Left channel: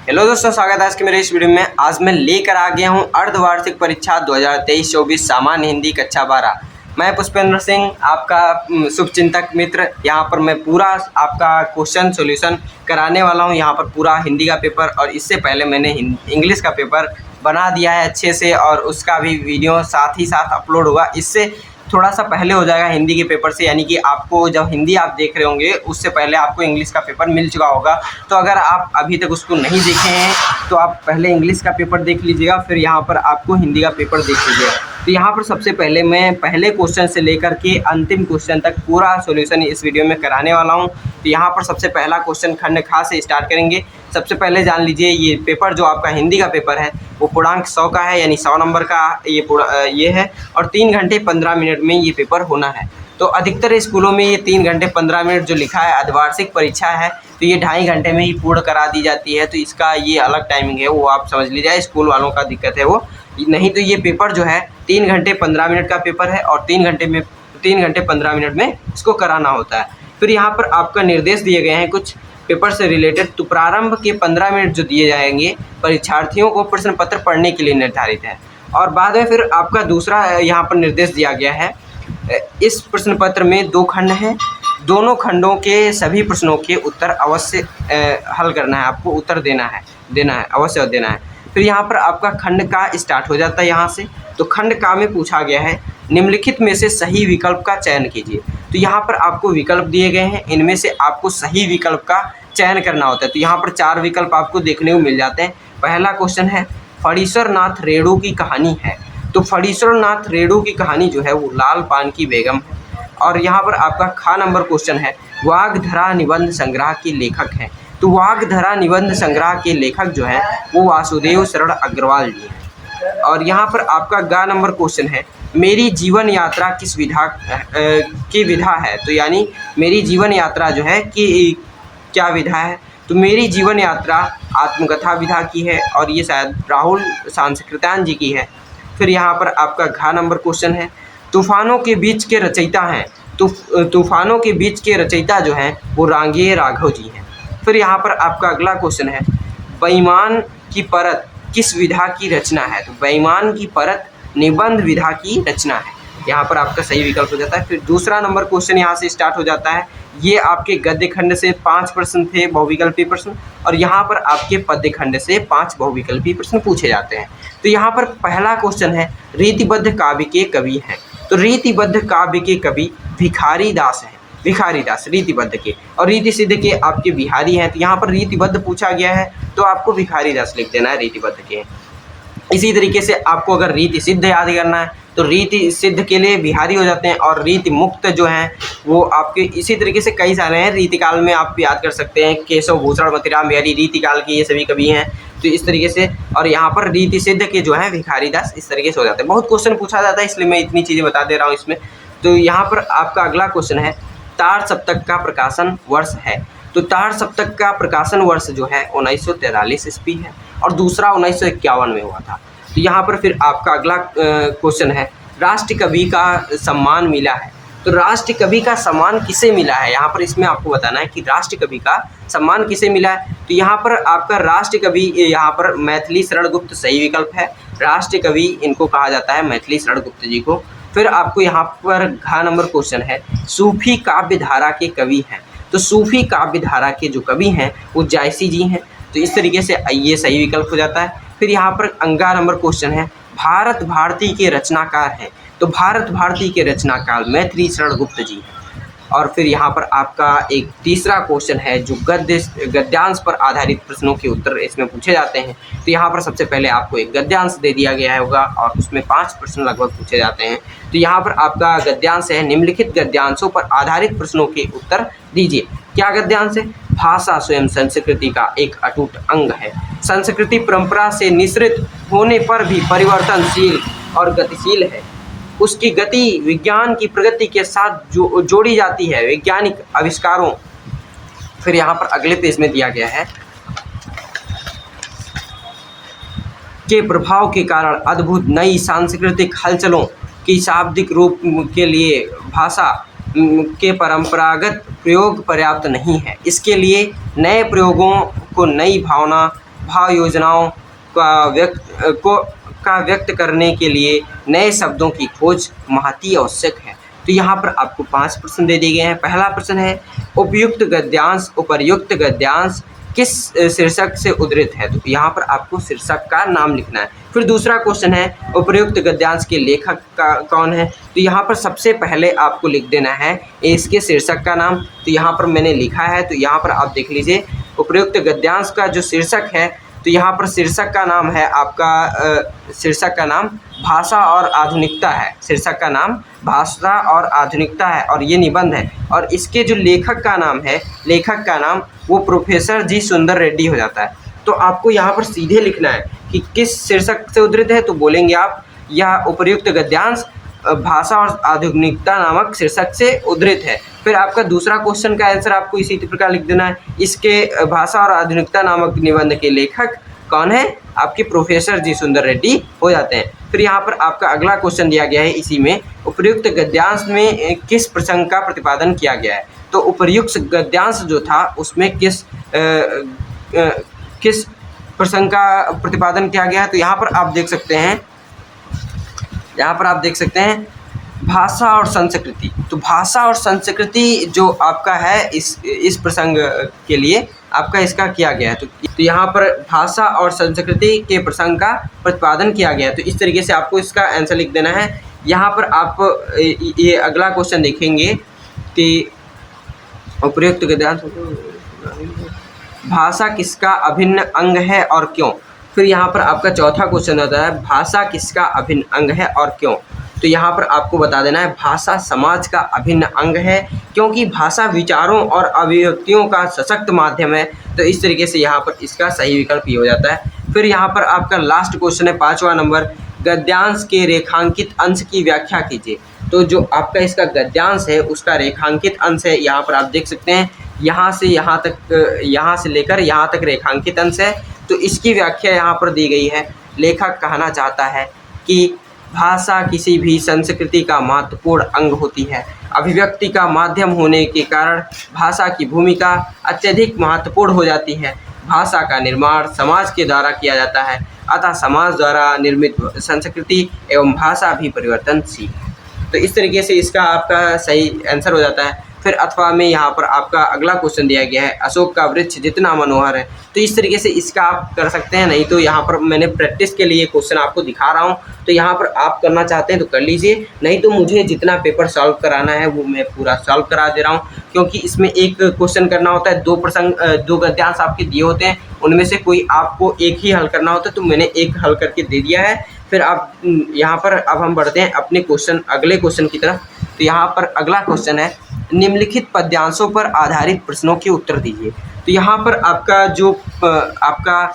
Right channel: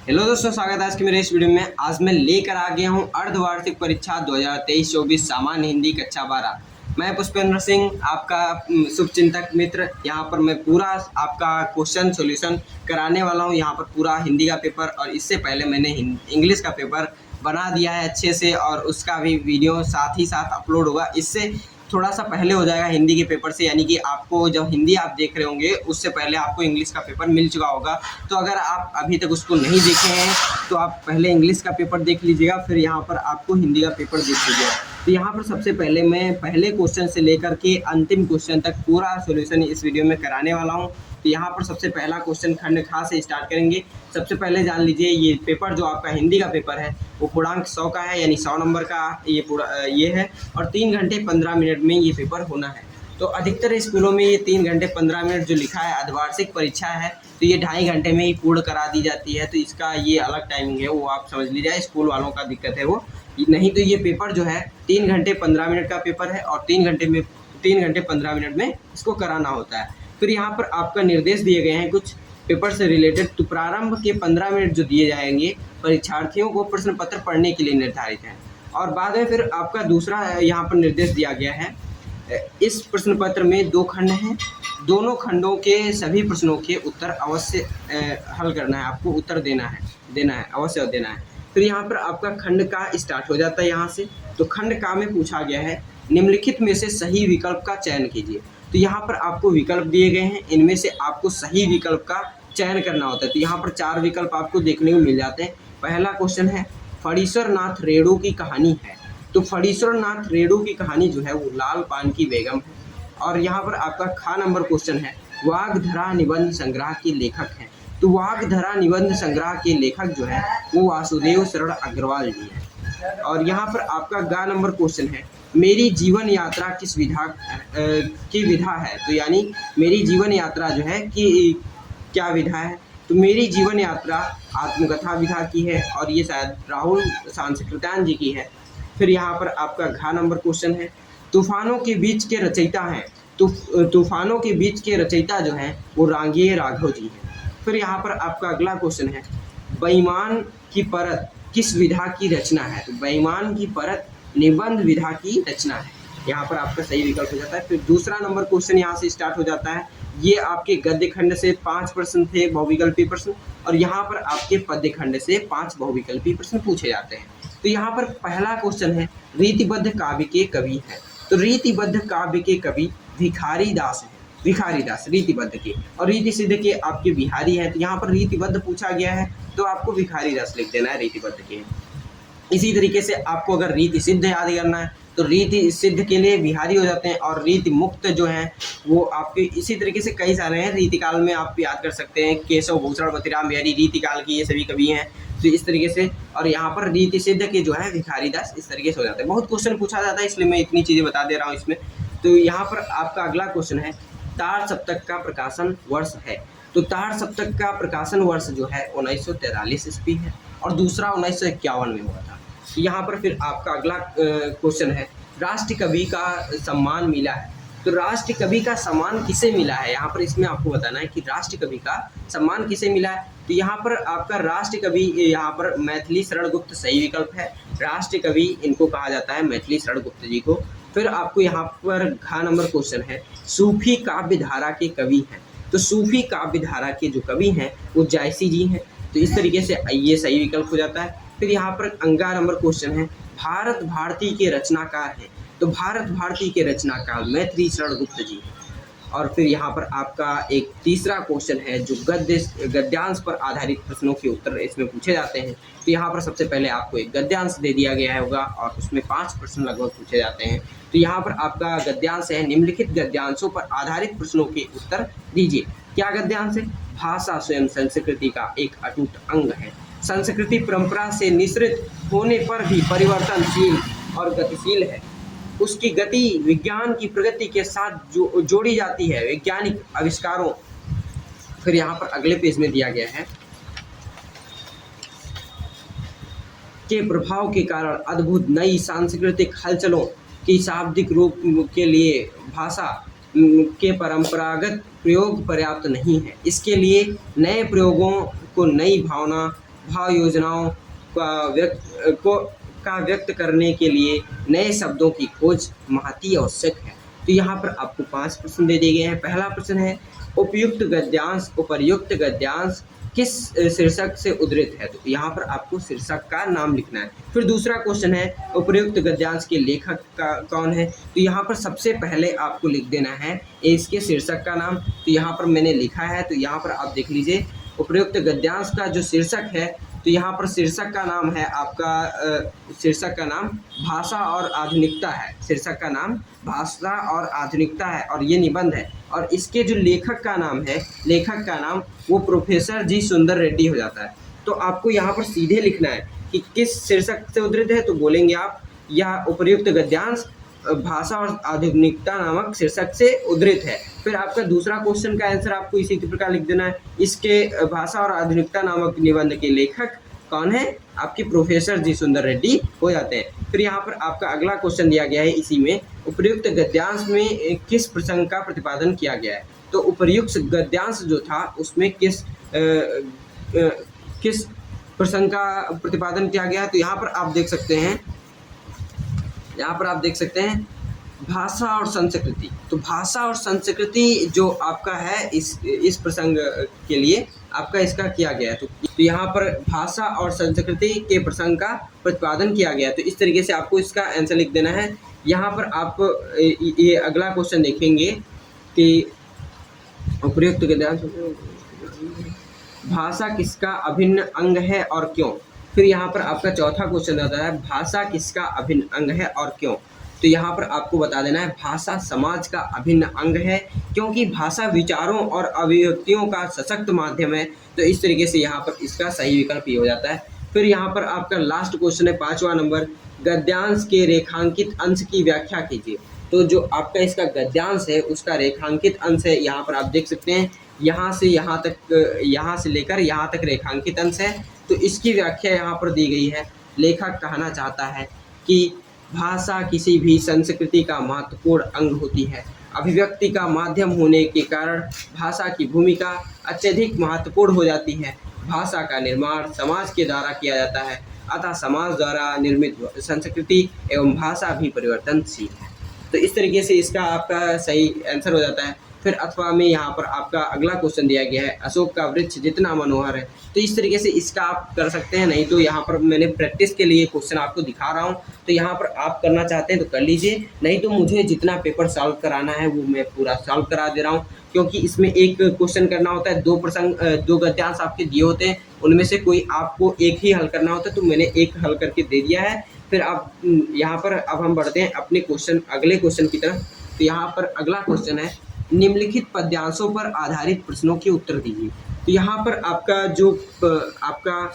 Hello दोस्तों, स्वागत है आज के मेरे इस वीडियो में। आज मैं लेकर आ गया हूं अर्धवार्षिक परीक्षा 2023-24 सामान्य हिंदी कक्षा 12। मैं पुष्पेंद्र सिंह, आपका शुभचिंतक मित्र। यहां पर मैं पूरा आपका क्वेश्चन सॉल्यूशन कराने वाला हूं। यहां पर पूरा हिंदी का पेपर और इससे पहले मैंने इंग्लिश का पेपर बना दिया है अच्छे से, और उसका भी वीडियो साथ ही साथ अपलोड होगा। इससे थोड़ा सा पहले हो जाएगा हिंदी के पेपर से, यानी कि आपको जब हिंदी आप देख रहे होंगे उससे पहले आपको इंग्लिश का पेपर मिल चुका होगा। तो अगर आप अभी तक उसको नहीं देखे हैं तो आप पहले इंग्लिश का पेपर देख लीजिएगा, फिर यहाँ पर आपको हिंदी का पेपर देख लीजिएगा। तो यहाँ पर सबसे पहले मैं पहले क्वेश्चन से लेकर के अंतिम क्वेश्चन तक पूरा सॉल्यूशन इस वीडियो में कराने वाला हूँ। तो यहाँ पर सबसे पहला क्वेश्चन खंड खा से स्टार्ट करेंगे। सबसे पहले जान लीजिए, ये पेपर जो आपका हिंदी का पेपर है वो पूर्णांक 100 का है, यानी 100 नंबर का ये है, और 3 घंटे 15 मिनट में ये पेपर होना है। तो अधिकतर स्कूलों में ये 3 घंटे 15 मिनट जो लिखा है अर्धवार्षिक परीक्षा है, तो ये 2.5 घंटे में ही पूर्ण करा दी जाती है। तो इसका ये अलग टाइमिंग है, वो आप समझ लीजिए। स्कूल वालों का दिक्कत है वो, नहीं तो ये पेपर जो है 3 घंटे 15 मिनट का पेपर है, और 3 घंटे 15 मिनट में इसको कराना होता है। फिर यहाँ पर आपका निर्देश दिए गए हैं कुछ पेपर से रिलेटेड। तो प्रारंभ के 15 मिनट जो दिए जाएंगे परीक्षार्थियों को प्रश्न पत्र पढ़ने के लिए निर्धारित है। और बाद में फिर आपका दूसरा यहाँ पर निर्देश दिया गया है, इस प्रश्न पत्र में 2 खंड हैं, दोनों खंडों के सभी प्रश्नों के उत्तर अवश्य हल करना है, आपको उत्तर देना है अवश्य देना है। फिर यहाँ पर आपका खंड का स्टार्ट हो जाता है यहाँ से। तो खंड का में पूछा गया है, निम्नलिखित में से सही विकल्प का चयन कीजिए। तो यहाँ पर आपको विकल्प दिए गए हैं, इनमें से आपको सही विकल्प का चयन करना होता है। तो यहाँ पर 4 विकल्प आपको देखने को मिल जाते हैं। पहला क्वेश्चन है, फणीश्वर नाथ रेणु की कहानी है। तो फणीश्वर नाथ रेणु की कहानी जो है वो लाल पान की बेगम है। और यहाँ पर आपका खा नंबर क्वेश्चन है, वाग्धरा निबंध संग्रह के लेखक हैं। तो वाग्धरा निबंध संग्रह के लेखक जो है वो वासुदेव शरण अग्रवाल जी हैं। और यहाँ पर आपका गा नंबर क्वेश्चन है, मेरी जीवन यात्रा किस विधा की विधा है। तो यानी मेरी जीवन यात्रा जो है कि क्या विधा है। तो मेरी जीवन यात्रा आत्मकथा विधा की है, और ये शायद राहुल सांस्कृत्यायन जी की है। फिर यहाँ पर आपका घा नंबर क्वेश्चन है, तूफानों के बीच के रचयिता हैं। तूफानों के बीच के रचयिता जो हैं वो रांगेय राघव जी हैं। फिर यहाँ पर आपका अगला क्वेश्चन है, बेईमान की परत किस विधा की रचना है। तो बेईमान की परत निबंध विधा की रचना है। यहाँ पर आपका सही विकल्प हो जाता है। फिर दूसरा नंबर क्वेश्चन यहाँ से स्टार्ट हो जाता है। ये आपके गद्य खंड से 5 प्रश्न थे, बहुविकल्पी प्रश्न, और यहाँ पर आपके पद्य खंड से 5 बहुविकल्पी प्रश्न पूछे जाते हैं। तो यहाँ पर पहला क्वेश्चन है, रीतिबद्ध काव्य के कवि हैं। तो रीतिबद्ध काव्य के कवि भिखारी दास हैं। भिखारी दास रीतिबद्ध के, और रीति सिद्ध के आपके बिहारी हैं। तो यहाँ पर रीतिबद्ध पूछा गया है तो आपको भिखारी दास लिख देना है रीतिबद्ध के। इसी तरीके से आपको अगर रीति सिद्ध याद करना है तो रीति सिद्ध के लिए बिहारी हो जाते हैं, और रीति मुक्त जो हैं वो आपके इसी तरीके से कई सारे हैं। रीतिकाल में आप याद कर सकते हैं, केशव भूषण मतिराम बिहारी रीतिकाल के ये सभी कवि हैं। तो इस तरीके से, और यहाँ पर रीति सिद्ध के जो हैं भिखारी दास, इस तरीके से हो जाते हैं। बहुत क्वेश्चन पूछा जाता है इसलिए मैं इतनी चीज़ें बता दे रहा हूँ इसमें। तो यहाँ पर आपका अगला क्वेश्चन है, तार सप्तक का प्रकाशन वर्ष है। तो तार सप्तक का प्रकाशन वर्ष जो है 1943 ईस्वी है, और दूसरा 1951 में हुआ था। तो यहाँ पर फिर आपका अगला क्वेश्चन है, राष्ट्र कवि का सम्मान मिला है। तो राष्ट्र कवि का सम्मान किसे मिला है, यहाँ पर इसमें आपको बताना है कि राष्ट्र कवि का सम्मान किसे मिला है। तो यहाँ पर आपका राष्ट्र कवि, यहाँ पर मैथिली शरण गुप्त सही विकल्प है। राष्ट्र कवि इनको कहा जाता है, मैथिली शरण गुप्त जी को। फिर आपको यहाँ पर घ नंबर क्वेश्चन है, सूफी काव्य धारा के कवि हैं। तो सूफी काव्य धारा के जो कवि हैं वो जायसी जी हैं। तो इस तरीके से ये सही विकल्प हो जाता है। फिर यहाँ पर अंगा नंबर क्वेश्चन है, भारत भारती के रचनाकार हैं। तो भारत भारती के रचनाकार मैथिली शरण गुप्त जी हैं। और फिर यहाँ पर आपका एक तीसरा क्वेश्चन है जो गद्यांश पर आधारित प्रश्नों के उत्तर इसमें पूछे जाते हैं। तो यहाँ पर सबसे पहले आपको एक गद्यांश दे दिया गया होगा, और उसमें 5 प्रश्न लगभग पूछे जाते हैं। तो यहाँ पर आपका गद्यांश है, निम्नलिखित गद्यांशों पर आधारित प्रश्नों के उत्तर दीजिए। क्या गद्यांश है, भाषा स्वयं संस्कृति का एक अटूट अंग है। संस्कृति परंपरा से निःसृत होने पर भी परिवर्तनशील और गतिशील है। उसकी गति विज्ञान की प्रगति के साथ जोड़ी जाती है, वैज्ञानिक आविष्कारों। फिर यहाँ पर अगले पेज में दिया गया है, के प्रभाव के कारण अद्भुत नई सांस्कृतिक हलचलों की शाब्दिक रूप के लिए भाषा के परंपरागत प्रयोग पर्याप्त नहीं है। इसके लिए नए प्रयोगों को नई भाव योजनाओं का व्यक्त करने के लिए नए शब्दों की खोज महती आवश्यक है। तो यहाँ पर आपको 5 प्रश्न दे दिए गए हैं। पहला प्रश्न है, उपर्युक्त गद्यांश किस शीर्षक से उद्धृत है? तो यहाँ पर आपको शीर्षक का नाम लिखना है। फिर दूसरा क्वेश्चन है, उपर्युक्त गद्यांश के लेखक कौन है? तो यहाँ पर सबसे पहले आपको लिख देना है इसके शीर्षक का नाम। तो यहाँ पर मैंने लिखा है, तो यहाँ पर आप देख लीजिए, उपर्युक्त गद्यांश का जो शीर्षक है, तो यहाँ पर शीर्षक का नाम है आपका शीर्षक का नाम भाषा और आधुनिकता है। शीर्षक का नाम भाषा और आधुनिकता है और ये निबंध है। और इसके जो लेखक का नाम वो प्रोफेसर जी सुंदर रेड्डी हो जाता है। तो आपको यहाँ पर सीधे लिखना है कि किस शीर्षक से उद्धृत है। तो बोलेंगे आप, यह उपर्युक्त गद्यांश भाषा और आधुनिकता नामक शीर्षक से उद्धृत है। फिर आपका दूसरा क्वेश्चन का आंसर आपको इसी प्रकार लिख देना है, इसके भाषा और आधुनिकता नामक निबंध के लेखक कौन है? आपके प्रोफेसर जी सुंदर रेड्डी हो जाते हैं। फिर यहाँ पर आपका अगला क्वेश्चन दिया गया है, इसी में उपर्युक्त गद्यांश में किस प्रसंग का प्रतिपादन किया गया है? तो उपर्युक्त गद्यांश जो था उसमें किस प्रसंग का प्रतिपादन किया गया है? तो यहाँ पर आप देख सकते हैं भाषा और संस्कृति। तो भाषा और संस्कृति जो आपका है इस प्रसंग के लिए आपका इसका किया गया है। तो यहाँ पर भाषा और संस्कृति के प्रसंग का प्रतिपादन किया गया है। तो इस तरीके से आपको इसका आंसर लिख देना है। यहाँ पर आप ये अगला क्वेश्चन देखेंगे कि उपर्युक्त गद्यांश भाषा किसका अभिन्न अंग है और क्यों? फिर यहाँ पर आपका चौथा क्वेश्चन आता है, भाषा किसका अभिन्न अंग है और क्यों? तो यहाँ पर आपको बता देना है भाषा समाज का अभिन्न अंग है, क्योंकि भाषा विचारों और अभिव्यक्तियों का सशक्त माध्यम है। तो इस तरीके से यहाँ पर इसका सही विकल्प ये हो जाता है। फिर यहाँ पर आपका लास्ट क्वेश्चन है 5वां नंबर, गद्यांश के रेखांकित अंश की व्याख्या कीजिए। तो जो आपका इसका गद्यांश है उसका रेखांकित अंश है, यहाँ पर आप देख सकते हैं, यहाँ से लेकर यहाँ तक रेखांकित अंश है। तो इसकी व्याख्या यहाँ पर दी गई है। लेखक कहना चाहता है कि भाषा किसी भी संस्कृति का महत्वपूर्ण अंग होती है। अभिव्यक्ति का माध्यम होने के कारण भाषा की भूमिका अत्यधिक महत्वपूर्ण हो जाती है। भाषा का निर्माण समाज के द्वारा किया जाता है, अतः समाज द्वारा निर्मित संस्कृति एवं भाषा भी परिवर्तनशील है। तो इस तरीके से इसका आपका सही आंसर हो जाता है। फिर अथवा में यहाँ पर आपका अगला क्वेश्चन दिया गया है, अशोक का वृक्ष जितना मनोहर है। तो इस तरीके से इसका आप कर सकते हैं, नहीं तो यहाँ पर मैंने प्रैक्टिस के लिए क्वेश्चन आपको दिखा रहा हूँ। तो यहाँ पर आप करना चाहते हैं तो कर लीजिए, नहीं तो मुझे जितना पेपर सॉल्व कराना है वो मैं पूरा सॉल्व करा दे रहा हूँ, क्योंकि इसमें एक क्वेश्चन करना होता है, दो गद्यांश आपके दिए होते हैं, उनमें से कोई आपको एक ही हल करना होता है। तो मैंने एक हल करके दे दिया है। फिर आप यहाँ पर अब हम बढ़ते हैं अपने अगले क्वेश्चन की तरफ। तो यहाँ पर अगला क्वेश्चन है, निम्नलिखित पद्यांशों पर आधारित प्रश्नों के उत्तर दीजिए। तो यहाँ पर आपका जो आपका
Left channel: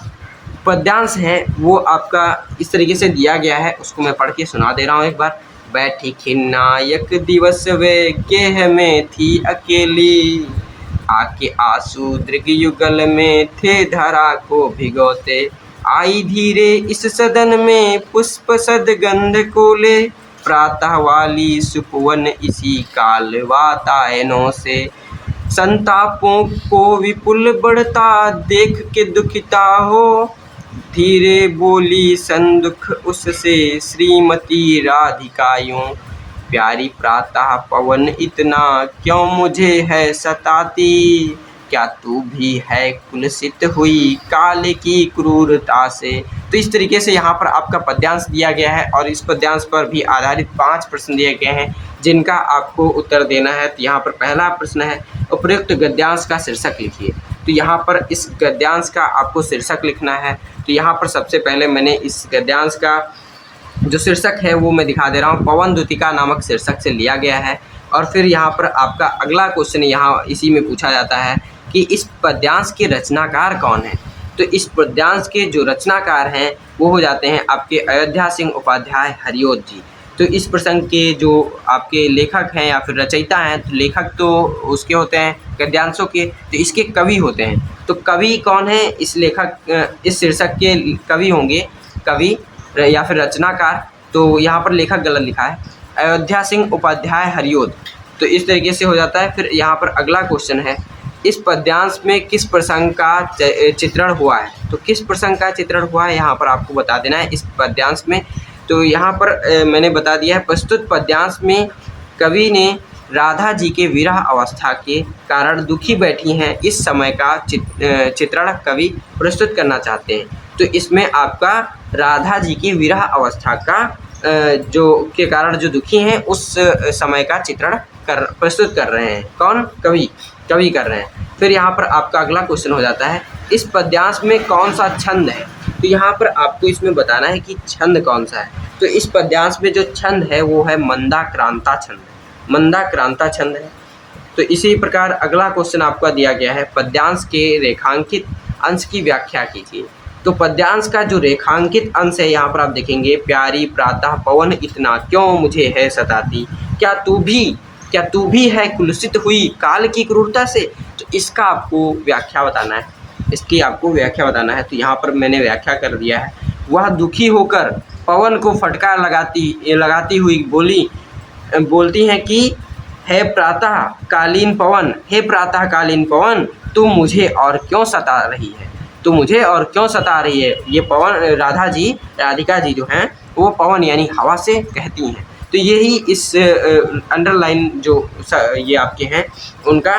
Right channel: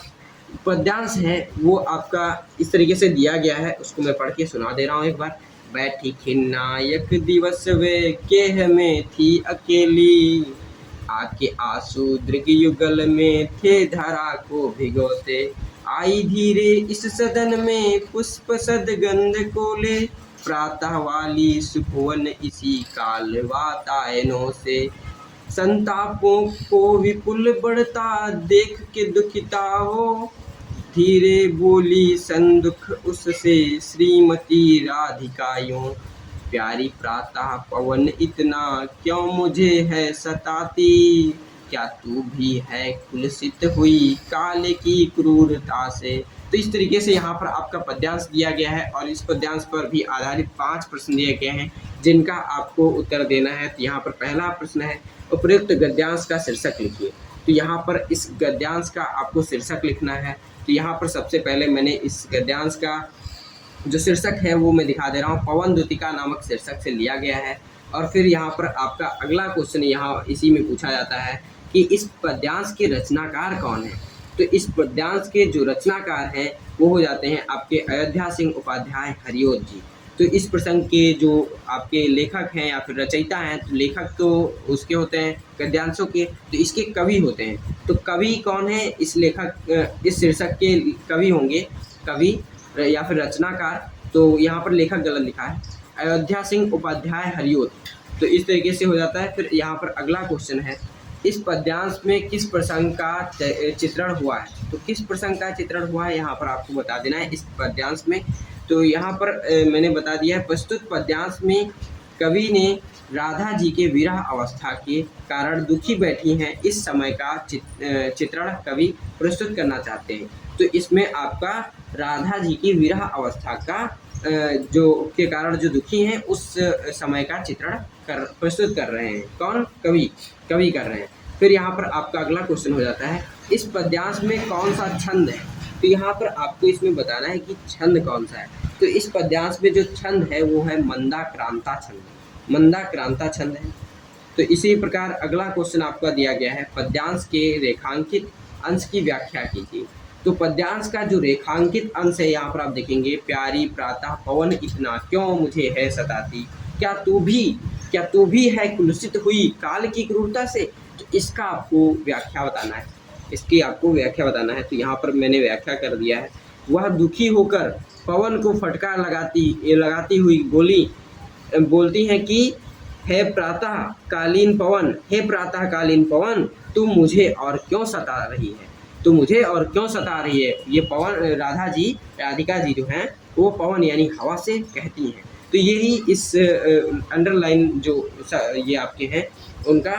पद्यांश है वो आपका इस तरीके से दिया गया है, उसको मैं पढ़ के सुना दे रहा हूँ एक बार। बैठी खिन्नायक दिवस वे गेह में थी अकेली, आके आंसू दृग युगल में थे धरा को भिगोते, आई धीरे इस सदन में पुष्प सदगंध कोले, प्रातः वाली सुपवन इसी काल वातायनों से, संतापों को विपुल बढ़ता देख के दुखिता हो, धीरे बोली संदुख उससे श्रीमती राधिका यूं, प्यारी प्रातः पवन इतना क्यों मुझे है सताती, क्या तू भी है कुलसित हुई काल की क्रूरता से। तो इस तरीके से यहाँ पर आपका पद्यांश दिया गया है और इस पद्यांश पर भी आधारित 5 प्रश्न दिए गए हैं जिनका आपको उत्तर देना है। तो यहाँ पर पहला प्रश्न है, उपर्युक्त गद्यांश का शीर्षक लिखिए। तो यहाँ पर इस गद्यांश का आपको शीर्षक लिखना है। तो यहाँ पर सबसे पहले मैंने इस गद्यांश का जो शीर्षक है वो मैं दिखा दे रहा हूँ, पवन द्युतिका नामक शीर्षक से लिया गया है। और फिर यहाँ पर आपका अगला क्वेश्चन यहाँ इसी में पूछा जाता है कि इस पद्यांश के रचनाकार कौन है। तो इस पद्यांश के जो रचनाकार हैं वो हो जाते हैं आपके अयोध्या सिंह उपाध्याय हरिओत जी। तो इस प्रसंग के जो आपके लेखक हैं या फिर रचयिता हैं, तो लेखक तो उसके होते हैं गद्यांशों के, तो इसके कवि होते हैं। तो कवि कौन है? इस शीर्षक के कवि होंगे कवि या फिर रचनाकार। तो यहाँ पर लेखक गलत लिखा है, अयोध्या सिंह उपाध्याय हरिओत। तो इस तरीके से हो जाता है। फिर यहाँ पर अगला क्वेश्चन है, इस पद्यांश में किस प्रसंग का चित्रण हुआ है? तो किस प्रसंग का चित्रण हुआ है यहाँ पर आपको बता देना है इस पद्यांश में। तो यहाँ पर मैंने बता दिया है, प्रस्तुत पद्यांश में कवि ने राधा जी के विरह अवस्था के कारण दुखी बैठी हैं इस समय का चित्रण कवि प्रस्तुत करना चाहते हैं। तो इसमें आपका राधा जी की विरह अवस्था का जो के कारण जो दुखी हैं उस समय का चित्रण प्रस्तुत कर रहे हैं। कौन? कवि कर रहे हैं। फिर यहाँ पर आपका अगला क्वेश्चन हो जाता है, इस पद्यांश में कौन सा छंद है? तो यहाँ पर आपको इसमें बताना है कि छंद कौन सा है। तो इस पद्यांश में जो छंद है वो है मंदाक्रांता छंद है, मंदाक्रांता छंद है। तो इसी प्रकार अगला क्वेश्चन आपका दिया गया है, पद्यांश के रेखांकित अंश की व्याख्या कीजिए। तो पद्यांश का जो रेखांकित अंश है यहाँ पर आप देखेंगे, प्यारी प्रातः पवन इतना क्यों मुझे है सताती, क्या तू भी है कुलसित हुई काल की क्रूरता से। तो इसका आपको व्याख्या बताना है, इसकी आपको व्याख्या बताना है। तो यहाँ पर मैंने व्याख्या कर दिया है, वह दुखी होकर पवन को फटकार लगाती हुई बोलती हैं कि हे प्रातःकालीन पवन तू मुझे और क्यों सता रही है, तो मुझे और क्यों सता रही है। ये पवन राधिका जी जो हैं वो पवन यानी हवा से कहती हैं। तो यही इस अंडरलाइन जो ये आपके हैं उनका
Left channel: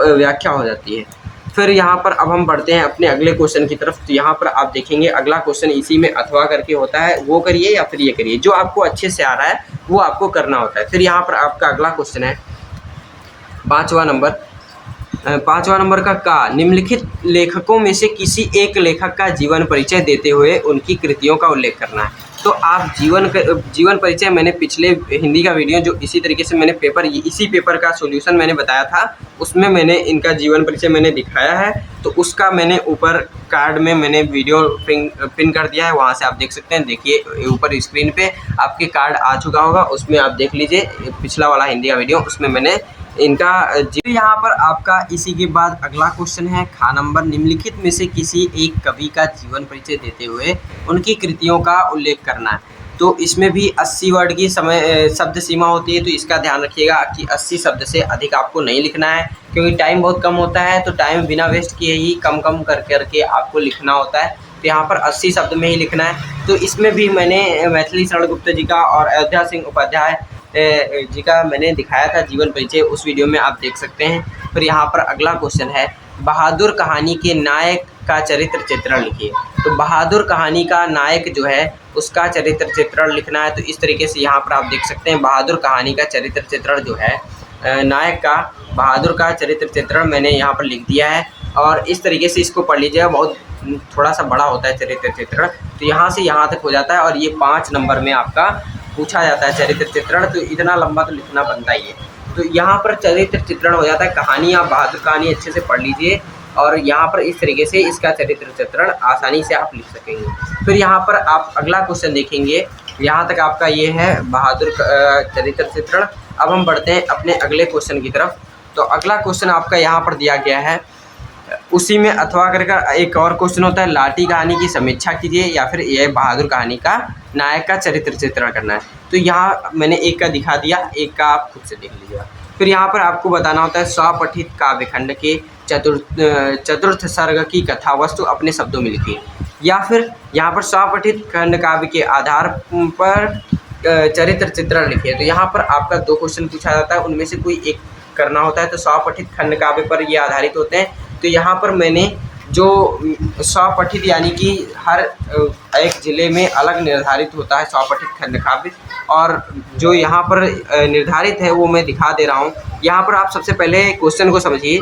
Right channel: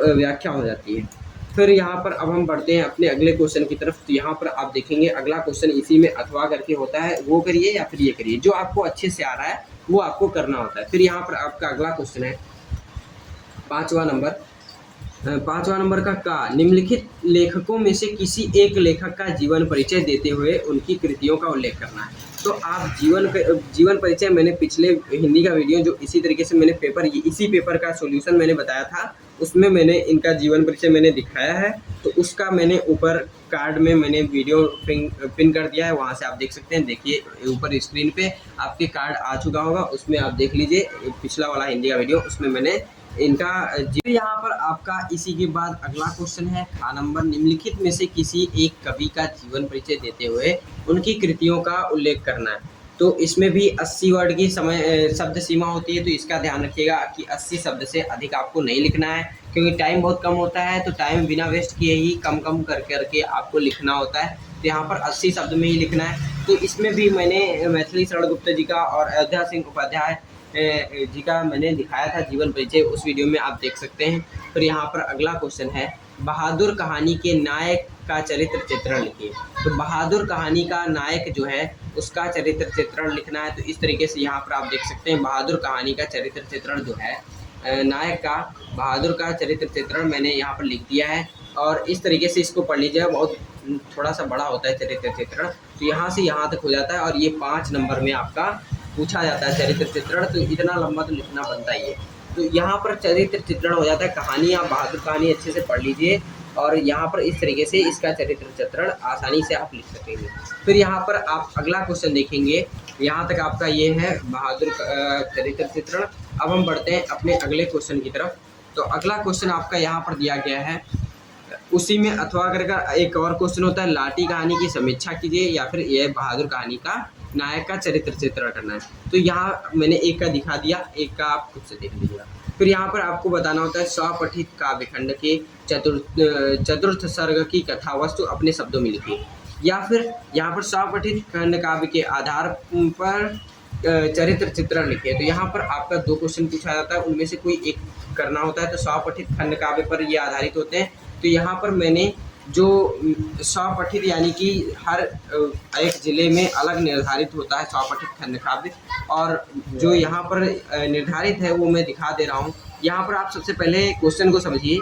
व्याख्या हो जाती है। फिर यहाँ पर अब हम बढ़ते हैं अपने अगले क्वेश्चन की तरफ। तो यहाँ पर आप देखेंगे अगला क्वेश्चन इसी में अथवा करके होता है, वो करिए या फिर ये करिए, जो आपको अच्छे से आ रहा है वो आपको करना होता है। फिर यहाँ पर आपका अगला क्वेश्चन है पाँचवा नंबर का निम्नलिखित लेखकों में से किसी एक लेखक का जीवन परिचय देते हुए उनकी कृतियों का उल्लेख करना है। तो आप जीवन परिचय, मैंने पिछले हिंदी का वीडियो जो इसी तरीके से मैंने इसी पेपर का सॉल्यूशन मैंने बताया था, उसमें मैंने इनका जीवन परिचय मैंने दिखाया है। तो उसका मैंने ऊपर कार्ड में मैंने वीडियो पिन कर दिया है, वहाँ से आप देख सकते हैं। देखिए ऊपर स्क्रीन पे आपके कार्ड आ चुका होगा, उसमें आप देख लीजिए पिछला वाला हिंदी का वीडियो, उसमें मैंने इनका यहाँ पर आपका इसी के बाद अगला क्वेश्चन है खा नंबर, निम्नलिखित में से किसी एक कवि का जीवन परिचय देते हुए उनकी कृतियों का उल्लेख करना है। तो इसमें भी 80 वर्ड की शब्द सीमा होती है, तो इसका ध्यान रखिएगा कि 80 शब्द से अधिक आपको नहीं लिखना है, क्योंकि टाइम बहुत कम होता है। तो टाइम बिना वेस्ट किए ही कम करके आपको लिखना होता है। तो यहाँ पर 80 शब्द में ही लिखना है। तो इसमें भी मैंने मैथिली शरण गुप्त जी का और अयोध्या सिंह उपाध्याय जी का मैंने दिखाया था जीवन परिचय, उस वीडियो में आप देख सकते हैं। फिर यहाँ पर अगला क्वेश्चन है, बहादुर कहानी के नायक का चरित्र चित्रण लिखिए। तो बहादुर कहानी का नायक जो है उसका चरित्र चित्रण लिखना है। तो इस तरीके से यहाँ पर आप देख सकते हैं बहादुर कहानी का चरित्र चित्रण जो है नायक का बहादुर का चरित्र चित्रण मैंने यहाँ पर लिख दिया है। और इस तरीके से इसको पढ़ लीजिएगा, बहुत थोड़ा सा बड़ा होता है चरित्र चित्रण। तो यहाँ से यहाँ तक हो जाता है और ये 5 नंबर में आपका पूछा जाता है चरित्र चित्रण। तो इतना लंबा तो लिखना बनता ही है। तो यहाँ पर चरित्र चित्रण हो जाता है। कहानी, आप बहादुर कहानी अच्छे से पढ़ लीजिए और यहाँ पर इस तरीके से इसका चरित्र चित्रण आसानी से आप लिख सकेंगे। फिर यहाँ पर आप अगला क्वेश्चन देखेंगे, यहाँ तक आपका ये है बहादुर चरित्र चित्रण। अब हम बढ़ते हैं अपने अगले क्वेश्चन की तरफ। तो अगला क्वेश्चन आपका यहाँ पर दिया गया है, उसी में अथवा करके एक और क्वेश्चन होता है, लाठी कहानी की समीक्षा कीजिए या फिर यह बहादुर कहानी का नायक का चरित्र चित्रण करना है। तो यहाँ मैंने एक का दिखा दिया, एक का आप खुद से देख लीजिएगा। फिर यहाँ पर आपको बताना होता है, स्वपठित काव्यखंड के चतुर्थ सर्ग की कथा वस्तु अपने शब्दों में लिखिए। या फिर यहाँ पर स्वपठित खंड काव्य के आधार पर चरित्र चित्रण लिखिए। तो यहाँ पर आपका 2 क्वेश्चन पूछा जाता है, उनमें से कोई एक करना होता है। तो स्वपठित खंड काव्य पर ये आधारित होते हैं। तो यहाँ पर मैंने जो स्वपठित यानी कि हर एक ज़िले में अलग निर्धारित होता है स्वपठित खंड काव्य, और जो यहाँ पर निर्धारित है वो मैं दिखा दे रहा हूँ। यहाँ पर आप सबसे पहले क्वेश्चन को समझिए,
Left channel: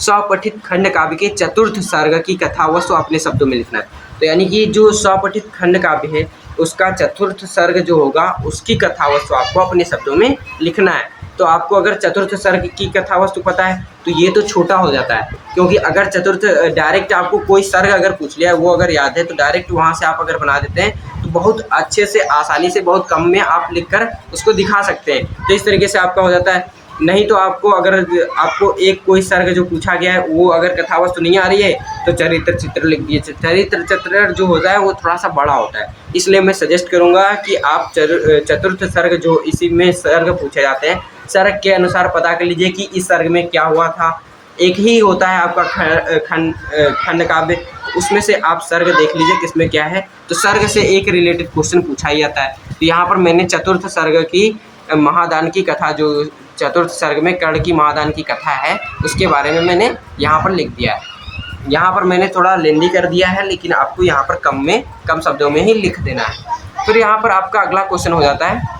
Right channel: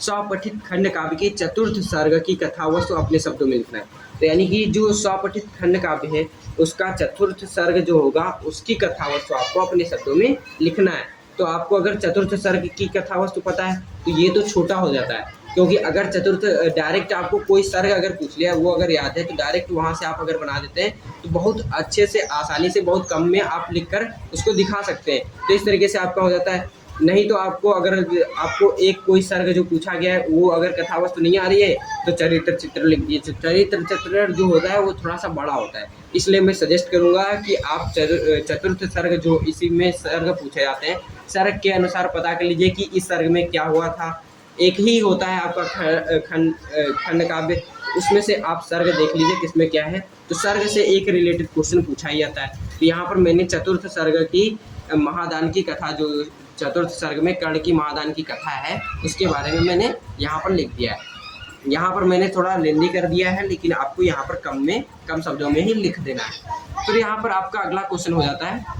स्वपठित खंड काव्य के चतुर्थ सर्ग की कथा वस्तु अपने शब्दों में लिखना है। तो यानी कि जो स्वपठित खंड काव्य है उसका चतुर्थ सर्ग जो होगा उसकी कथा वस्तु आपको अपने शब्दों में लिखना है। तो आपको अगर चतुर्थ सर्ग की कथा वस्तु पता है तो ये तो छोटा हो जाता है, क्योंकि अगर चतुर्थ डायरेक्ट आपको कोई सर्ग अगर पूछ लिया है वो अगर याद है तो डायरेक्ट वहाँ से आप अगर बना देते हैं तो बहुत अच्छे से आसानी से बहुत कम में आप लिखकर उसको दिखा सकते हैं। तो इस तरीके से आपका हो जाता है। नहीं तो आपको अगर आपको एक कोई सर्ग जो पूछा गया है वो अगर कथा वस्तु नहीं आ रही है तो चरित्र चित्र लिख दीजिए। चरित्र चित्र जो होता है वो थोड़ा सा बड़ा होता है, इसलिए मैं सजेस्ट करूँगा कि आप चतुर्थ सर्ग जो इसी में सर्ग पूछे जाते हैं, सर्ग के अनुसार पता कर लीजिए कि इस सर्ग में क्या हुआ था, एक ही होता है आपका खंड काव्य, उसमें से आप सर्ग देख लीजिए किसमें क्या है। तो सर्ग से एक रिलेटेड क्वेश्चन पूछा ही जाता है। तो यहाँ पर मैंने चतुर्थ सर्ग की महादान की कथा, जो चतुर्थ सर्ग में कर्ण की महादान की कथा है, उसके बारे में मैंने यहाँ पर लिख दिया है। यहाँ पर मैंने थोड़ा लेंदी कर दिया है, लेकिन आपको यहाँ पर कम शब्दों में ही लिख देना है। फिर यहाँ पर आपका अगला क्वेश्चन हो जाता है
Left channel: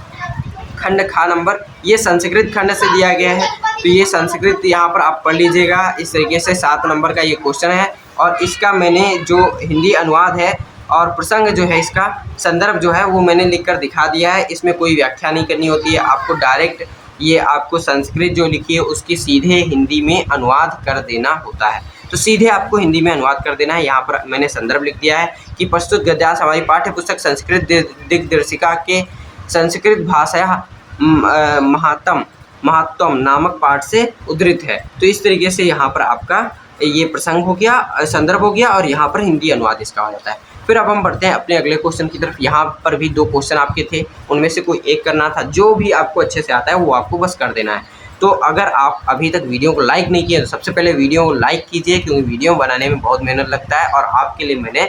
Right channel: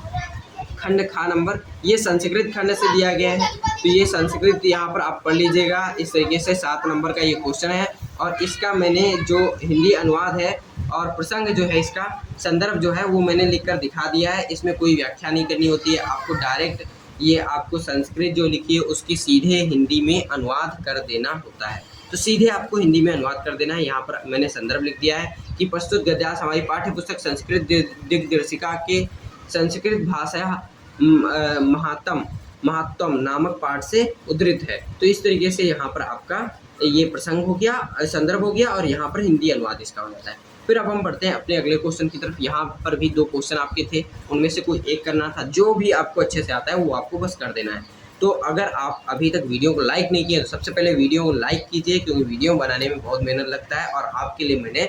खंड खा नंबर, ये संस्कृत खंड से दिया गया है। तो ये संस्कृत यहाँ पर आप पढ़ लीजिएगा। इस तरीके से 7 नंबर का ये क्वेश्चन है, और इसका मैंने जो हिंदी अनुवाद है और प्रसंग जो है, इसका संदर्भ जो है वो मैंने लिख कर दिखा दिया है। इसमें कोई व्याख्या नहीं करनी होती है, आपको डायरेक्ट ये आपको संस्कृत जो लिखी है उसकी सीधे हिंदी में अनुवाद कर देना होता है। तो सीधे आपको हिंदी में अनुवाद कर देना है। यहाँ पर मैंने संदर्भ लिख दिया है कि प्रस्तुत गद्यांश हमारी पाठ्य पुस्तक संस्कृत दिग्दर्शिका के संस्कृत भाषा महात्म नामक पाठ से उद्धृत है। तो इस तरीके से यहाँ पर आपका ये प्रसंग हो गया, संदर्भ हो गया, और यहाँ पर हिंदी अनुवाद इसका हो जाता है। फिर अब हम बढ़ते हैं अपने अगले क्वेश्चन की तरफ। यहाँ पर भी 2 क्वेश्चन आपके थे, उनमें से कोई एक करना था। जो भी आपको अच्छे से आता है वो आपको बस कर देना है। तो अगर आप अभी तक वीडियो को लाइक नहीं किए तो सबसे पहले वीडियो को लाइक कीजिए, क्योंकि वीडियो बनाने में बहुत मेहनत लगता है, और आपके लिए मैंने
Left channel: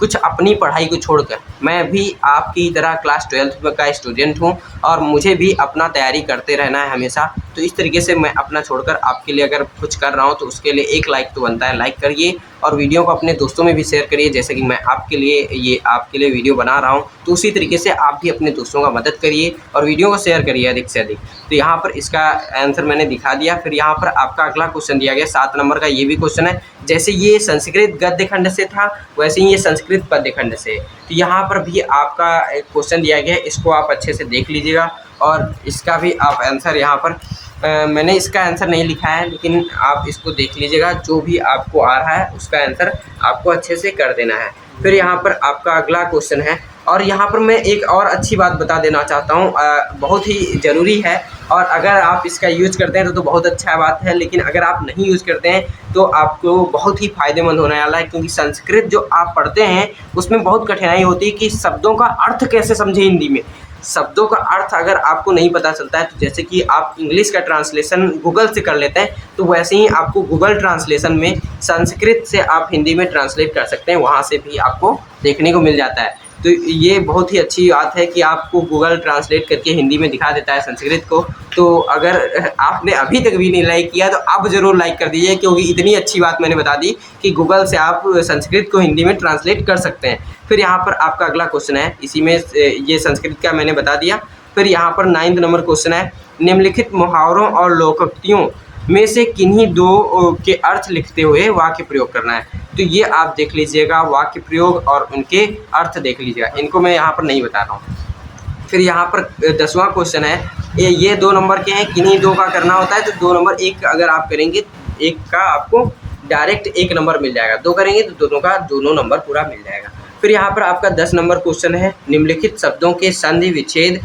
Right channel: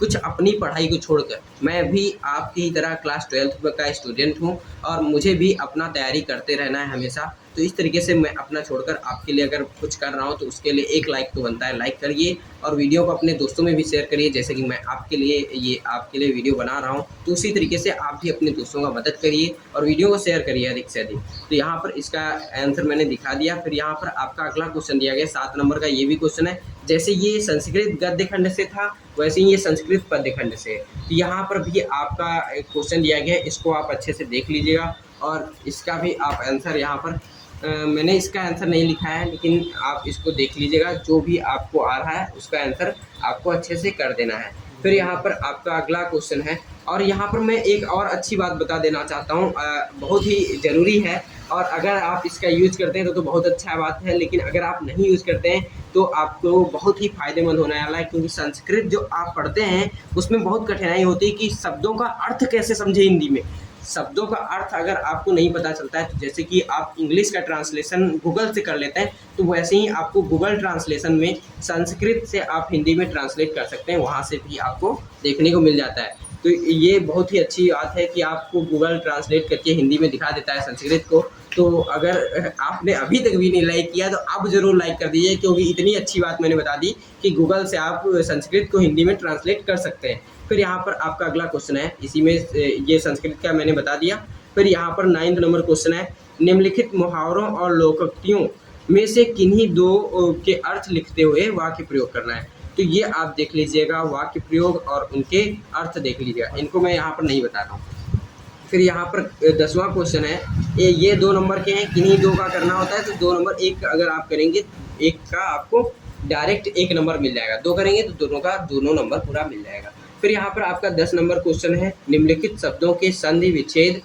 कुछ अपनी पढ़ाई को छोड़कर, मैं भी आपकी तरह क्लास 12th का स्टूडेंट हूं, और मुझे भी अपना तैयारी करते रहना है हमेशा। तो इस तरीके से मैं अपना छोड़कर आपके लिए अगर कुछ कर रहा हूं तो उसके लिए एक लाइक तो बनता है। लाइक करिए और वीडियो को अपने दोस्तों में भी शेयर करिए, जैसे कि मैं आपके लिए वीडियो बना रहा हूं, तो उसी तरीके से आप भी अपने दोस्तों का मदद करिए और वीडियो को शेयर करिए अधिक से अधिक। तो यहाँ पर इसका आंसर मैंने दिखा दिया। फिर यहाँ पर आपका अगला क्वेश्चन दिया गया 7 नंबर का, ये भी क्वेश्चन है। जैसे ये संस्कृत गद्य खंड से था, वैसे ही ये संस्कृत पद्य खंड से। तो यहाँ पर भी आपका एक क्वेश्चन दिया गया है, इसको आप अच्छे से देख लीजिएगा, और इसका भी आप आंसर यहाँ पर मैंने इसका आंसर नहीं लिखा है, लेकिन आप इसको देख लीजिएगा। जो भी आपको आ रहा है उसका आंसर आपको अच्छे से कर देना है। फिर यहाँ पर आपका अगला क्वेश्चन है, और यहाँ पर मैं एक और अच्छी बात बता देना चाहता हूँ, बहुत ही ज़रूरी है, और अगर आप इसका यूज़ करते हैं तो बहुत अच्छा बात है, लेकिन अगर आप नहीं यूज़ करते हैं तो आपको बहुत ही फ़ायदेमंद होने वाला है। क्योंकि संस्कृत जो आप पढ़ते हैं उसमें बहुत कठिनाई होती है कि शब्दों का अर्थ कैसे समझें हिंदी में। शब्दों का अर्थ अगर आपको नहीं पता चलता है, तो जैसे कि आप इंग्लिश का ट्रांसलेशन गूगल से कर लेते हैं, तो वैसे ही आपको गूगल ट्रांसलेशन में संस्कृत से आप हिंदी में ट्रांसलेट कर सकते हैं, वहाँ से भी आपको देखने को मिल जाता है। तो ये बहुत ही अच्छी बात है कि आपको गूगल ट्रांसलेट करके हिंदी में दिखा देता है संस्कृत को। तो अगर आपने अभी तक भी नहीं लाइक किया तो अब ज़रूर लाइक कर दीजिए, क्योंकि इतनी अच्छी बात मैंने बता दी कि गूगल से आप संस्कृत को हिंदी में ट्रांसलेट कर सकते हैं। फिर यहाँ पर आपका अगला क्वेश्चन है, इसी में ये संस्कृत का मैंने बता दिया। फिर यहाँ पर 9th नंबर क्वेश्चन है, निम्नलिखित मुहावरों और लोकोक्तियों में से किन्हीं 2 के अर्थ लिखते हुए वाक्य प्रयोग करना है। तो ये आप देख लीजिएगा, वाक्य प्रयोग और उनके अर्थ देख लीजिएगा, इनको मैं यहाँ पर नहीं बता रहा हूँ। फिर यहाँ पर 10वां क्वेश्चन है, ये 2 नंबर के हैं, किन्हीं 2 का करना होता है। तो 2 नंबर 1 अगर आप करेंगे, 1 का आपको डायरेक्ट 1 नंबर मिल जाएगा, 2 करेंगे तो दोनों का दोनों नंबर पूरा मिल जाएगा। फिर यहाँ पर आपका 10 नंबर क्वेश्चन है, निम्नलिखित शब्दों के संधि विच्छेद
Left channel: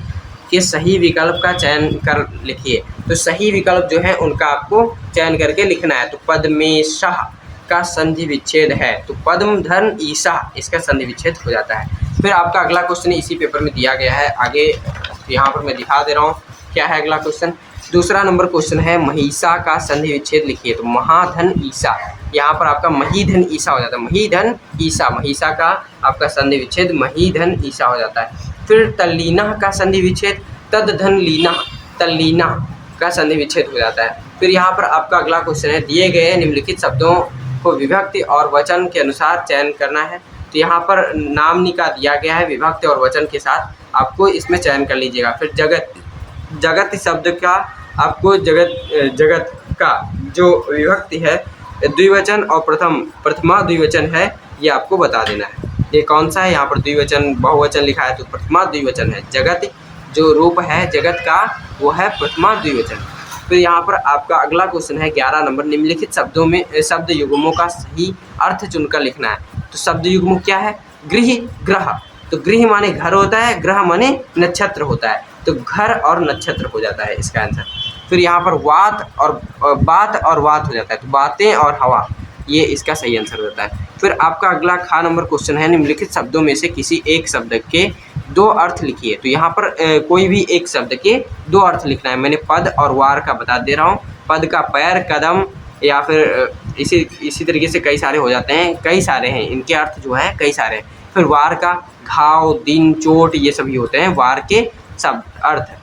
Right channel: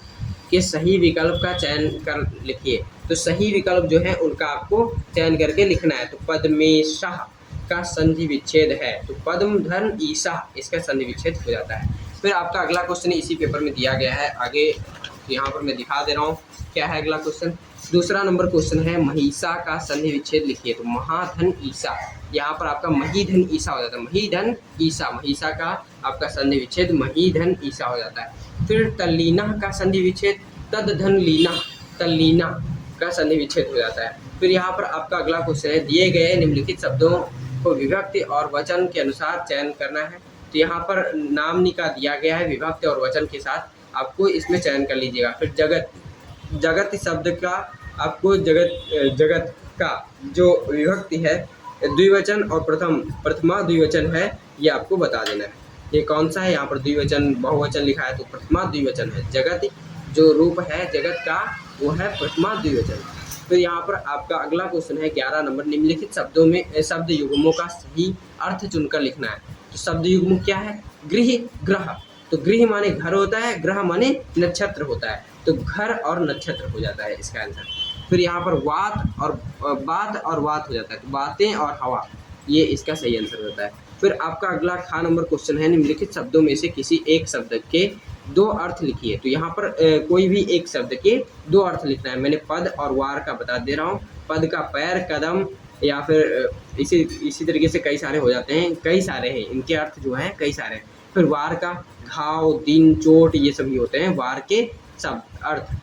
के सही विकल्प का चयन कर लिखिए। तो सही विकल्प जो है उनका आपको चयन करके लिखना है। तो पद्मेशाह का संधि विच्छेद है, तो पद्म धन ईसा, इसका संधि विच्छेद हो जाता है। फिर आपका अगला क्वेश्चन इसी पेपर में दिया गया है, आगे यहाँ पर मैं दिखा दे रहा हूँ क्या है अगला क्वेश्चन। दूसरा नंबर क्वेश्चन है, महिषा का संधि विच्छेद लिखिए। तो महाधन ईसा, यहाँ पर आपका महीधन ईसा हो जाता है, महीधन ईसा, महिषा का आपका संधि विच्छेद महीधन ईसा हो जाता है। फिर तल्लीना का संधि विच्छेद तद्धन लीना, तल्लीना का संधि विच्छेद हो जाता है। फिर यहाँ पर आपका अगला क्वेश्चन है, दिए गए निम्नलिखित शब्दों को विभक्ति और वचन के अनुसार चयन करना है। तो यहाँ पर नामनिका दिया गया है, विभक्ति और वचन के साथ आपको इसमें चयन कर लीजिएगा। फिर जगत, जगत शब्द का आपको जगत का जो विभक्ति है द्विवचन और प्रथमा द्विवचन है, ये आपको बता देना है। ये कौन सा है, यहाँ पर द्विवचन बहुवचन लिखा है, तो प्रथमा द्विवचन है। जगत जो रूप है जगत का वो है प्रथमा द्विवचन। फिर यहाँ पर आपका अगला क्वेश्चन है 11 नंबर, निम्नलिखित शब्दों में शब्द युग्मों का सही अर्थ चुनकर लिखना है। तो शब्द युग्म क्या है, गृह, ग्रह। तो गृह माने घर होता है, ग्रह माने नक्षत्र होता है, तो घर और नक्षत्र हो जाता है इसका आंसर। फिर यहाँ पर बात और वात हो जाता है, तो बातें और हवा, ये इसका सही आंसर होता है। फिर आपका अगला खा नंबर क्वेश्चन है, निम्नलिखित शब्दों में से किसी एक शब्द के 2 अर्थ लिखिए। तो यहाँ पर कोई भी एक शब्द के 2 अर्थ लिखना है। मैंने पद और वार का बता दे रहा हूँ। पद का पैर, कदम, या फिर इसी तरीके से कई सारे हो जाते हैं, कई सारे हैं इनके अर्थ जो हैं, कई सारे हैं। फिर वार का घाव, दिन, चोट, ये सभी होते हैं वार के शब्द अर्थ।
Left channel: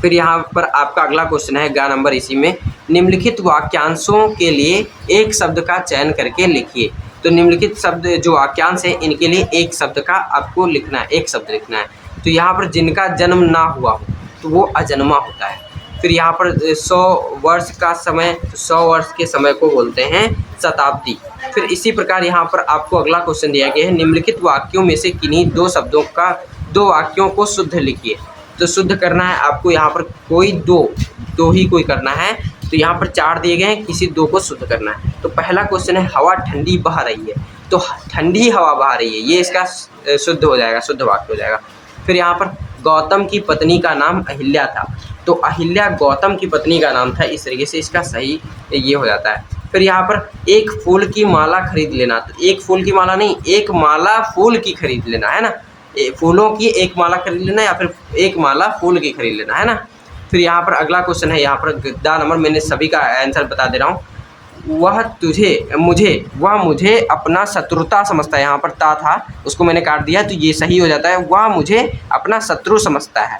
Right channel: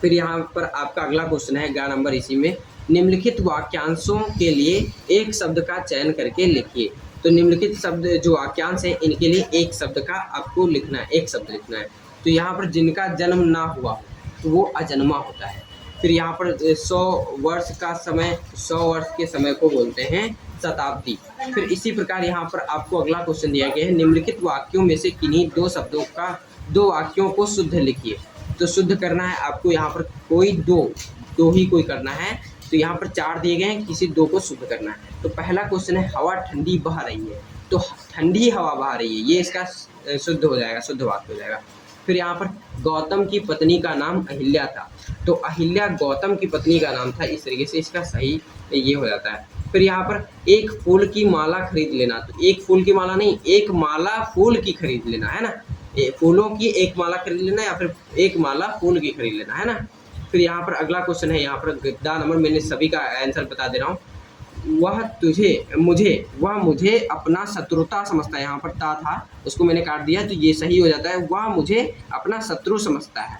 फिर यहाँ पर आपका अगला क्वेश्चन है गा नंबर इसी में, निम्नलिखित वाक्यांशों के लिए एक शब्द का चयन करके लिखिए। तो निम्नलिखित शब्द जो वाक्यांश हैं इनके लिए एक शब्द का आपको लिखना है, एक शब्द लिखना है। तो यहाँ पर जिनका जन्म ना हुआ हो तो वो अजन्मा होता है। फिर यहाँ पर 100 वर्ष का समय, 100 वर्ष के समय को बोलते हैं शताब्दी। फिर इसी प्रकार यहाँ पर आपको अगला क्वेश्चन दिया गया है, निम्नलिखित वाक्यों में से किन्हीं दो वाक्यों को शुद्ध लिखिए। तो शुद्ध करना है आपको, यहाँ पर कोई दो ही कोई करना है। तो यहाँ पर 4 दिए गए हैं, किसी 2 को शुद्ध करना है। तो पहला क्वेश्चन है, हवा ठंडी बह रही है। तो ठंडी हवा बह रही है, ये इसका शुद्ध हो जाएगा, शुद्ध वाक्य हो जाएगा। फिर यहाँ पर गौतम की पत्नी का नाम अहिल्या था। तो अहिल्या गौतम की पत्नी का नाम था, इस तरीके से इसका सही ये हो जाता है। फिर यहाँ पर एक फूल की माला खरीद लेना। तो एक फूल की माला नहीं, एक माला फूल की खरीद लेना है ना, फूलों की एक माला खरीद लेना या फिर एक माला फूल की खरीद लेना है ना। फिर यहाँ पर अगला क्वेश्चन है, यहाँ पर गद्दा नंबर, मैंने सभी का आंसर बता दे रहा हूँ। वह मुझे अपना शत्रुता समझता है। यहाँ पर ता था, उसको मैंने काट दिया, तो ये सही हो जाता है, वह मुझे अपना शत्रु समझता है।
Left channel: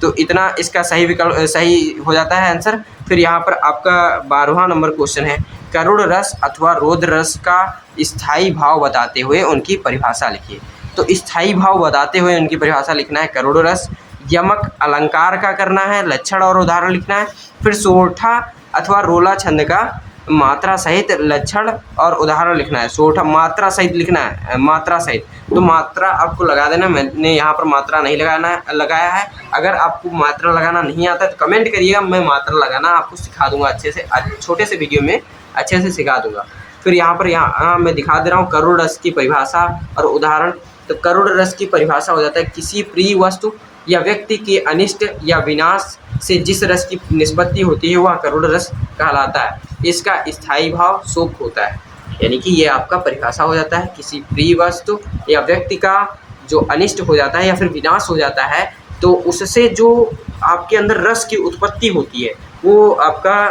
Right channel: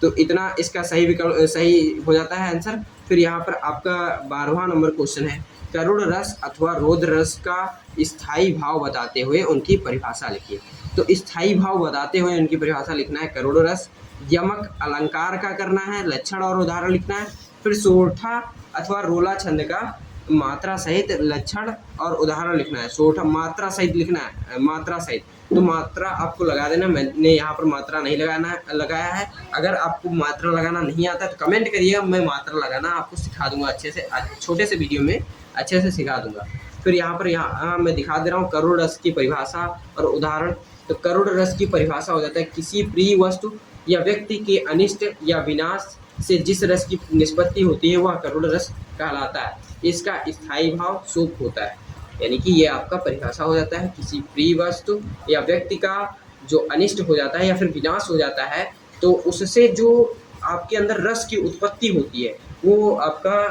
तो इतना इसका सही विकल्प सही हो जाता है आंसर। फिर यहाँ पर आपका 12वां नंबर क्वेश्चन है, करुण रस अथवा रौद्र रस का स्थायी भाव बताते हुए उनकी परिभाषा लिखिए। तो स्थायी भाव बताते हुए उनकी परिभाषा लिखना है करुण रस, यमक अलंकार का करना है, लक्षण और उदाहरण लिखना है। फिर सोरठा अथवा रोला छंद का मात्रा सहित लक्षण और उदाहरण लिखना है। सोरठा मात्रा सहित लिखना है, मात्रा सहित। तो मात्रा आपको लगा देना, मैंने यहाँ पर मात्रा नहीं लगाया है। अगर आपको मात्रा लगाना नहीं आता है तो कमेंट करिएगा, मैं मात्रा लगाना आपको सिखा दूंगा अच्छे से, छोटे से वीडियो में अच्छे से सिखा दूंगा। फिर यहाँ मैं दिखा दे रहा हूँ करुण रस की परिभाषा और उदाहरण। तो करुण रस की परिभाषा हो जाता है, किसी प्रिय वस्तु या व्यक्ति के अनिष्ट या विनाश से जिस रस की निष्पत्ति होती है वह करुण रस कहलाता है। इसका स्थायी भाव शोक होता है। यानी कि ये आपका परिभाषा हो जाता है, किसी प्रिय वस्तु या व्यक्ति का जो अनिष्ट हो जाता है या फिर विनाश हो जाता है, तो उससे जो आपके अंदर रस की उत्पत्ति होती है वो आपका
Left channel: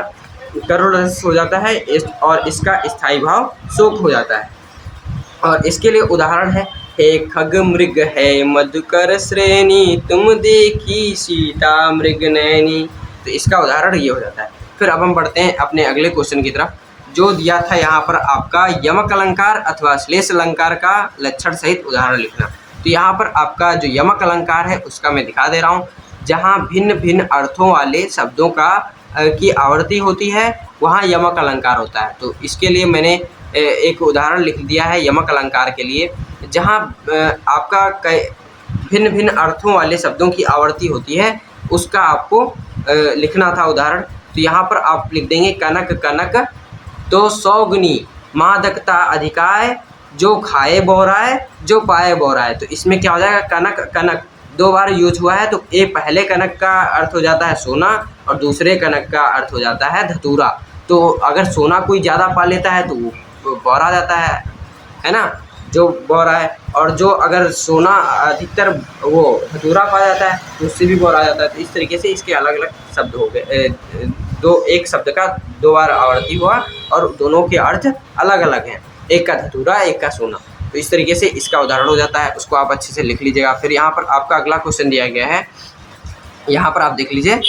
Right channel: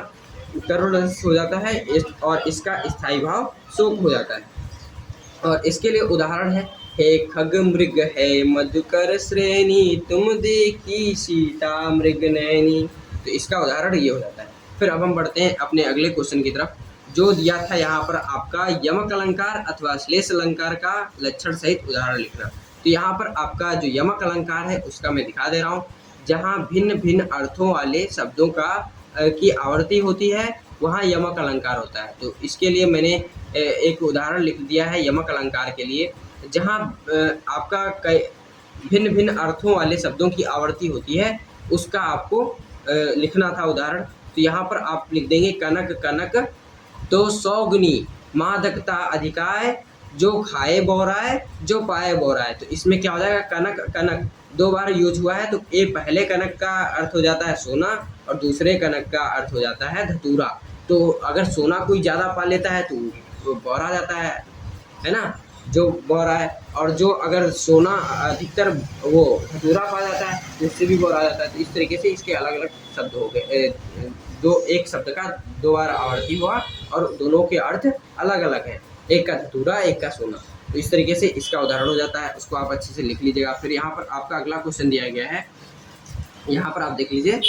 करुण रस हो जाता है, और इसका स्थायी भाव शोक हो जाता है। और इसके लिए उदाहरण है, हे खग मृग है मधुकर श्रेणी, तुम देखी सीता मृग नैनी। तो इसका उदाहरण ये हो जाता है। फिर अब हम बढ़ते हैं अपने अगले क्वेश्चन की तरफ, जो दिया था यहाँ पर आपका यमक अलंकार अथवा श्लेष अलंकार का लक्षण सहित उदाहरण लिखना। तो यहाँ पर आपका जो यमक अलंकार है उसका मैं दिखा दे रहा हूँ, जहाँ भिन्न भिन्न अर्थों वाले शब्दों की आवर्ती होती है वहाँ यमक अलंकार होता है। तो इसके लिए मैंने एक उदाहरण लिख दिया है यमक अलंकार के लिए, जहाँ आपका भिन्न भिन्न अर्थों वाले शब्दों की आवर्ती होती है, उसका आपको लिखना था उदाहरण। तो यहाँ पर आप लिख देंगे कनक कनक तो सौगुनी, मादकता अधिकाय, जो खाए बोराए, जो पाए बोराए। तो इसमें क्या हो जाएगा, कनक कनक 2 बार यूज हुआ है, तो ये पहले कनक का अर्थ हो जाता है सोना और दूसरे कनक का अर्थ हो जाता है धतूरा। तो अगर सोना कोई ज़्यादा पा लेता है तो वो बौरा जाता है ना, जो बौरा है। और जो अगर सोना अधिकतर वो धतूरा पा जाता है तो उससे भी बौरा जाता है। तो इस तरीके से इसके अलग अलग शब्द हो गए, एक शब्द का 2 बार आवर्ती हुआ और दोनों के अर्थ अलग अलग हैं, एक का धतूरा एक का सोना। तो इस तरीके से इसका उदाहरण हो जाता है, उसको आप अच्छे से लिख लीजिएगा। फिर यहाँ पर आपका अगला क्वेश्चन दिया गया है, यहाँ पर आप देख लीजिए।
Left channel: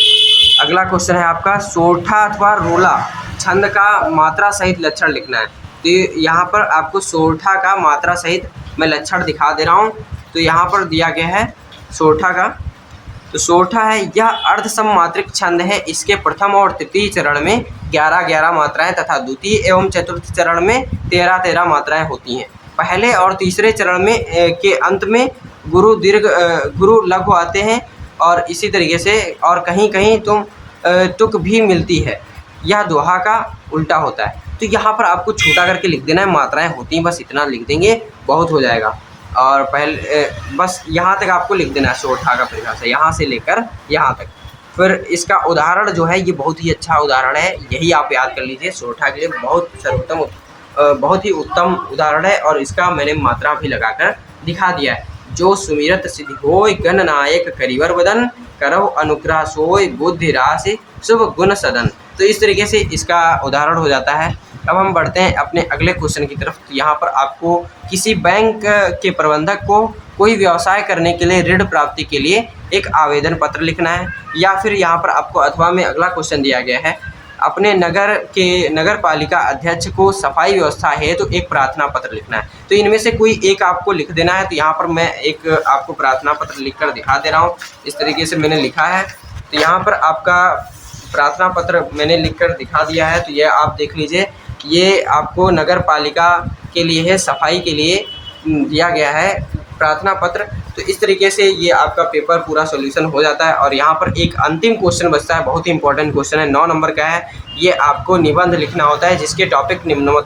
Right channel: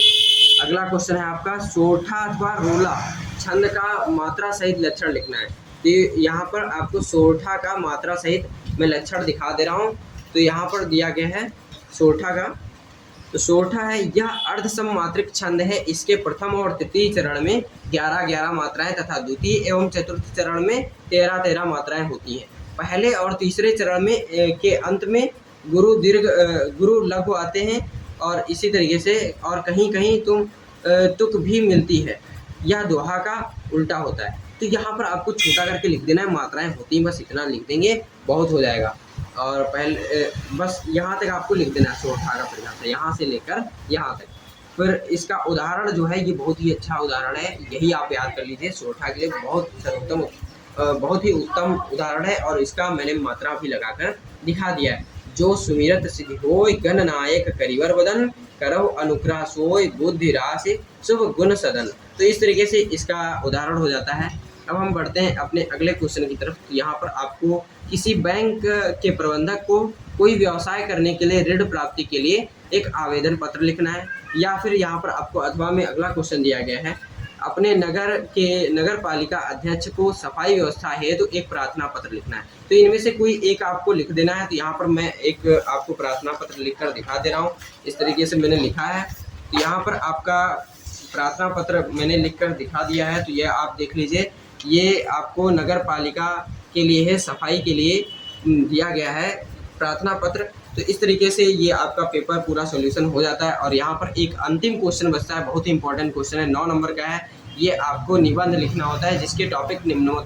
अगला क्वेश्चन है आपका, सोरठा अथवा रोला छंद का मात्रा सहित लक्षण लिखना है। तो यहाँ पर आपको सोरठा का मात्रा सहित मैं लक्षण दिखा दे रहा हूँ। तो यहाँ पर दिया गया है सोरठा का, तो सोरठा है, यह अर्धसममात्रिक छंद है। इसके प्रथम और तृतीय चरण में 11-11 मात्राएं तथा द्वितीय एवं चतुर्थ चरण में 13-13 मात्राएं होती हैं। पहले और तीसरे चरण में के अंत में गुरु दीर्घ गुरु लघु आते हैं, और इसी तरीके से और कहीं कहीं तुक भी मिलती है। यह दोहा का उल्टा होता है। तो यहाँ पर आपको छोटा करके लिख देना है, मात्राएं होती हैं, बस इतना लिख देंगे बहुत हो जाएगा। और पहले बस यहाँ तक आपको लिख देना है सोरठा का परिभाषा, यहाँ से लेकर यहाँ तक। फिर इसका उदाहरण जो है ये बहुत ही अच्छा उदाहरण है, यही आप याद कर लीजिए। सोरठा के लिए बहुत ही उत्तम उदाहरण है, और इसका मैंने मात्रा भी लगाकर दिखा दिया है। जो सुमिरत सिद्धि होय गणनायक करिवर वदन, करहु अनुग्रह सोय बुद्धि राशि शुभ गुण सदन। तो इस तरीके से इसका उदाहरण हो जाता है। अब हम बढ़ते हैं अपने अगले क्वेश्चन की तरफ। तो यहाँ पर आपको किसी बैंक के प्रबंधक को कोई व्यवसाय करने के लिए ऋण प्राप्ति के लिए एक आवेदन पत्र लिखना है, या फिर यहाँ पर आपको अथवा में अगला क्वेश्चन दिया गया है, अपने नगर के नगर पालिका अध्यक्ष को सफाई व्यवस्था हेतु एक प्रार्थना पत्र लिखना है। तो इनमें से कोई एक आपको लिख देना है। तो यहाँ पर मैं एक आपको प्रार्थना पत्र लिखकर दिखा दे रहा हूँ। इस तरीके से मैंने लिखा है। तो यहाँ पर आपका प्रार्थना पत्र मैंने लिखकर दिखा दिया है। तो यह आप देख लीजिए, ये आपको नगर पालिका के लिए है, सफाई के लिए दिया गया है प्रार्थना पत्र। तो इस तरीके से ये आपका पेपर पूरा सॉल्यूशन हो जाता है। और यहाँ पर एक अंतिम क्वेश्चन बचता है, बहुत ही इंपॉर्टेंट क्वेश्चन है, 9 नंबर का है। ये आपको निबंध लिखना होता है जिसके टॉपिक निम्नवत